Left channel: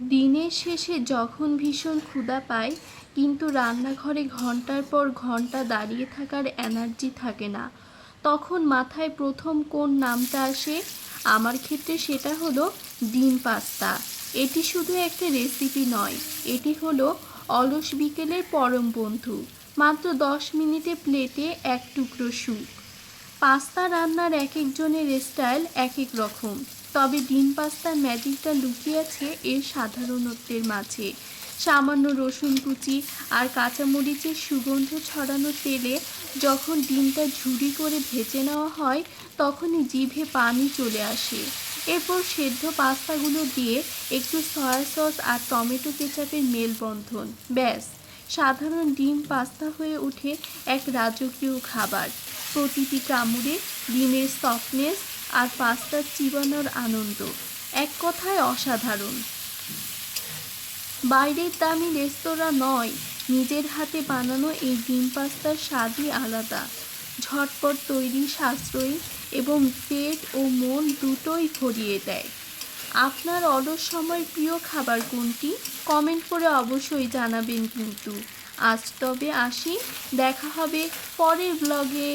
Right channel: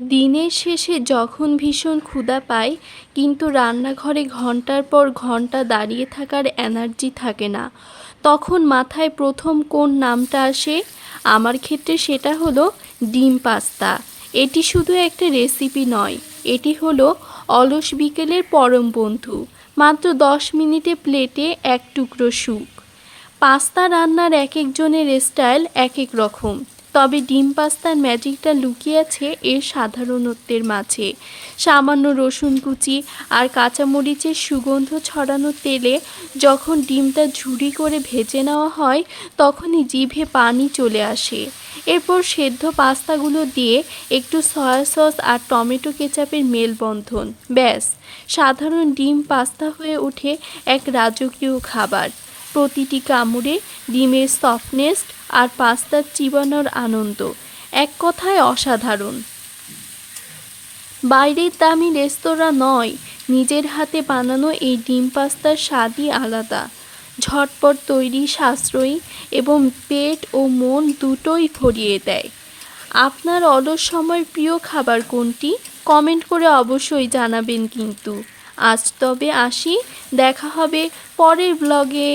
দিনের শেষে যখন ভীষণ ক্ষুধা পায় কিন্তু রান্নাঘরে ঘন্টার পর ঘন্টা দাঁড়িয়ে থাকার এনার্জি থাকে না, তখন মাথায় প্রথম কোন নামটা আসে? আমার ক্ষেত্রে সেটা হলো ডিম পাস্তা। এটি শুধু একটা রেসিপি নয়, এটি হলো অলস বিকেলের পরম বন্ধু। মাত্র 10 মিনিটে প্লেটে এক টুকরো সুপ। পাস্তা রান্নার এক একজনের স্টাইল এক এক রকম, তবে ডিম পাস্তার ম্যাজিকটা লুকিয়ে আছে এর সাধারণত্বের মাঝে। সামান্য রসুন কুচি আর কাঁচামরিচের সুগন্ধ ছড়ানো তেলে যখন ডিমটা ঝুরি করে ভেজে নেওয়া হয় তখনই জিভে পানি চলে আসে। এরপর সেদ্ধ পাস্তাগুলো দিয়ে একটু সয়া সস আর টমেটো কেচাপের মেলবন্ধন, ব্যাস, সাধারণ ডিম পাস্তা হয়ে ওঠে এক রাজকীয় খাবার। প্রতিটি কামড়ে ডিমের সফটনেস আর পাস্তার চিবানোর আনন্দ এক কথায় অসাধারণ। বাইরের দামি রেস্তোরাঁ নয়, নিজের হাতে বানানো এই ডিম পাস্তার স্বাদই আলাদা। ঝটপট তৈরি, সাশ্রয়ী এবং পেট ও মন দুটোই ভরিয়ে দেয়। আপনার অলস সময়ের প্রিয় খাবার কোনটি? কমেন্ট করে অবশ্যই জানাবেন কিন্তু। আজ তবে আসি, দেখা হবে পরের ব্লগে।